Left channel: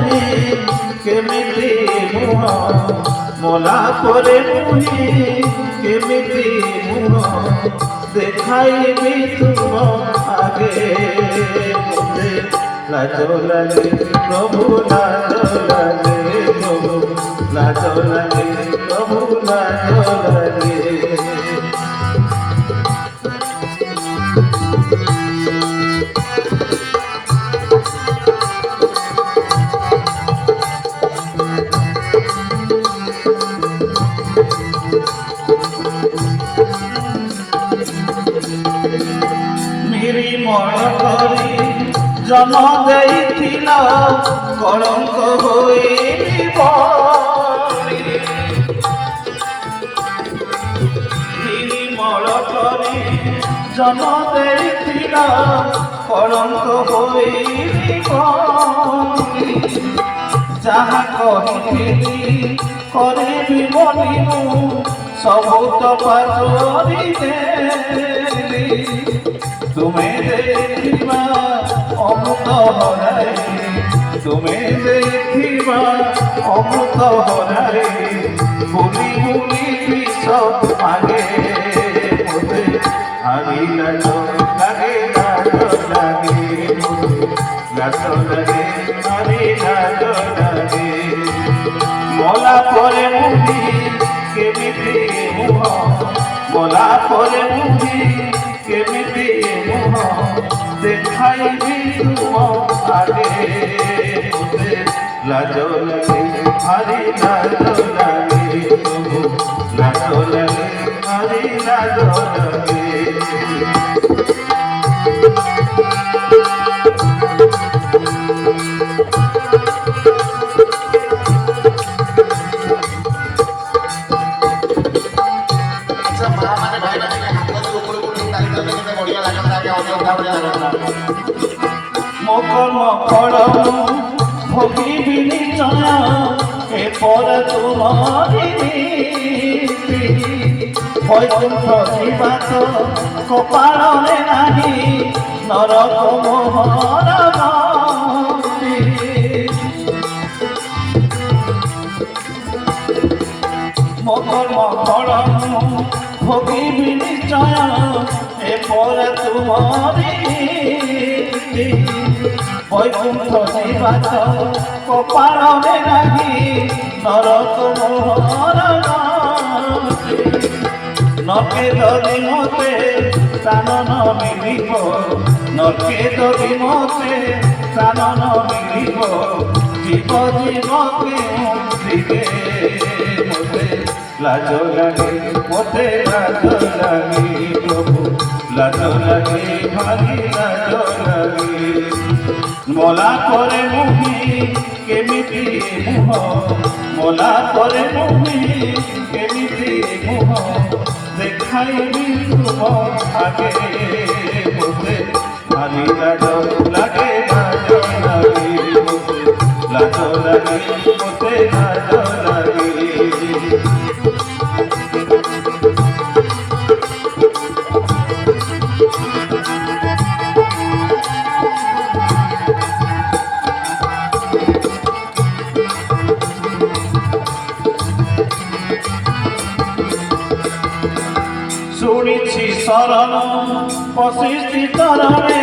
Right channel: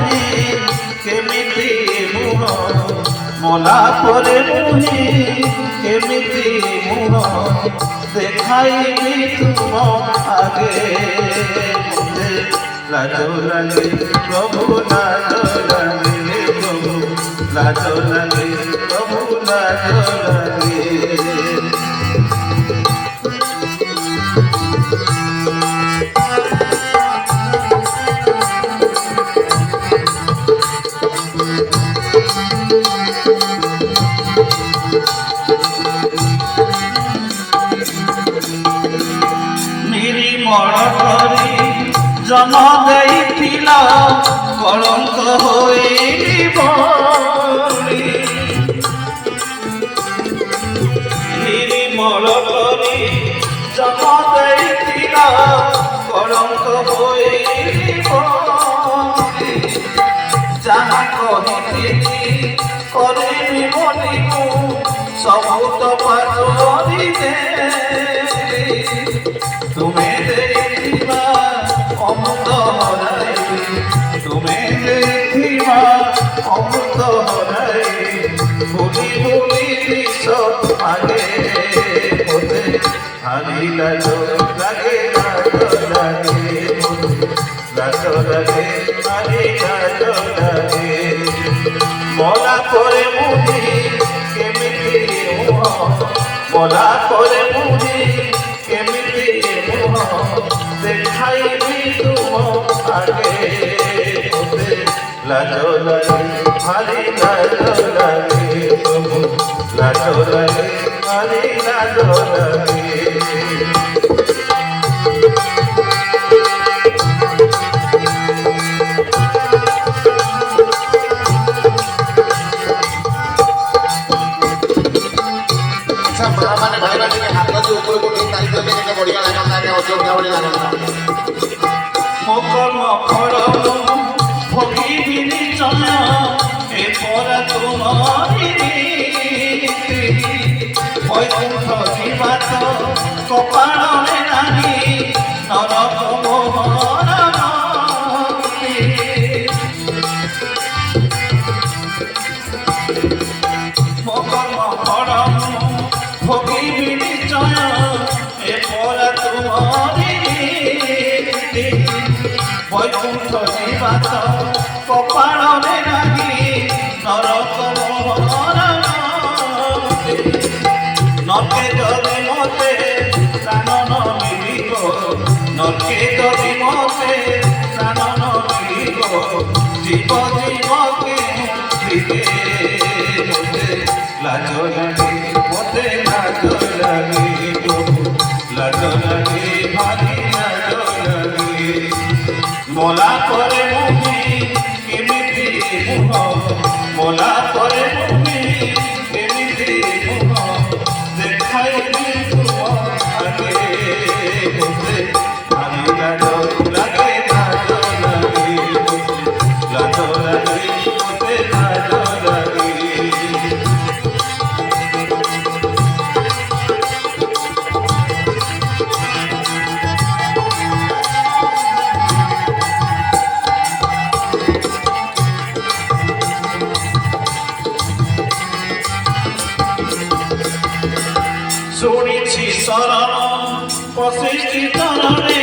मुहे केमिति मुह मला परे मुहे केमिति मुह देखाइबी तुम आगे मुझे लाज लागे प्रभु लाज लागे प्रभु लाज लागे प्रभु लाज लागे जम देइथिला कलंक होई बळी निर्मल करी जम देइथिला कलंक होई बळी जहाँ कहिथिली करिबि बोली सबु तो पासरी देली तुम्हें देखिबा अमृत हराई तुम्हें देखिबा अमृत हराई भूमि भूमि विष आगे मुझे हरी लाज लागे लाज लागे लाज लागे हरी लाज लागे मला परे मुझे केमिति मुह मला परे मुझे केमिति मुह देखाइबी तुम आगे मुझे लाज लागे हरी लाज लागे प्रभु लाज लागे हरी लाज लागे मकर्म फल भोगी निश्चय ए पर तुम्हारी वैकुंठ जीवात कपाल में नाही नरक मोहन मकर्म फल भोगी निश्चय ए पर तुम्हारी वैकुंठ जीवात कपाल में नाही नरक मोहन नरके जदि मते प्राण न मिलिब नरके जदि मते प्राण न मिलिब जीव जीव के मुझे लाज लागे मते लाज लागे प्रभु लाज लागे भारी लाज लागे मला परे मुहे केमिति मुह मला परे मुहे केमिति मुह देखाइबी तुम आगे मुझे हरी लाज लागे लाज लागे लाज लागे मुझे लाज लागे शुणिछि शरण पशिष्टि चरणे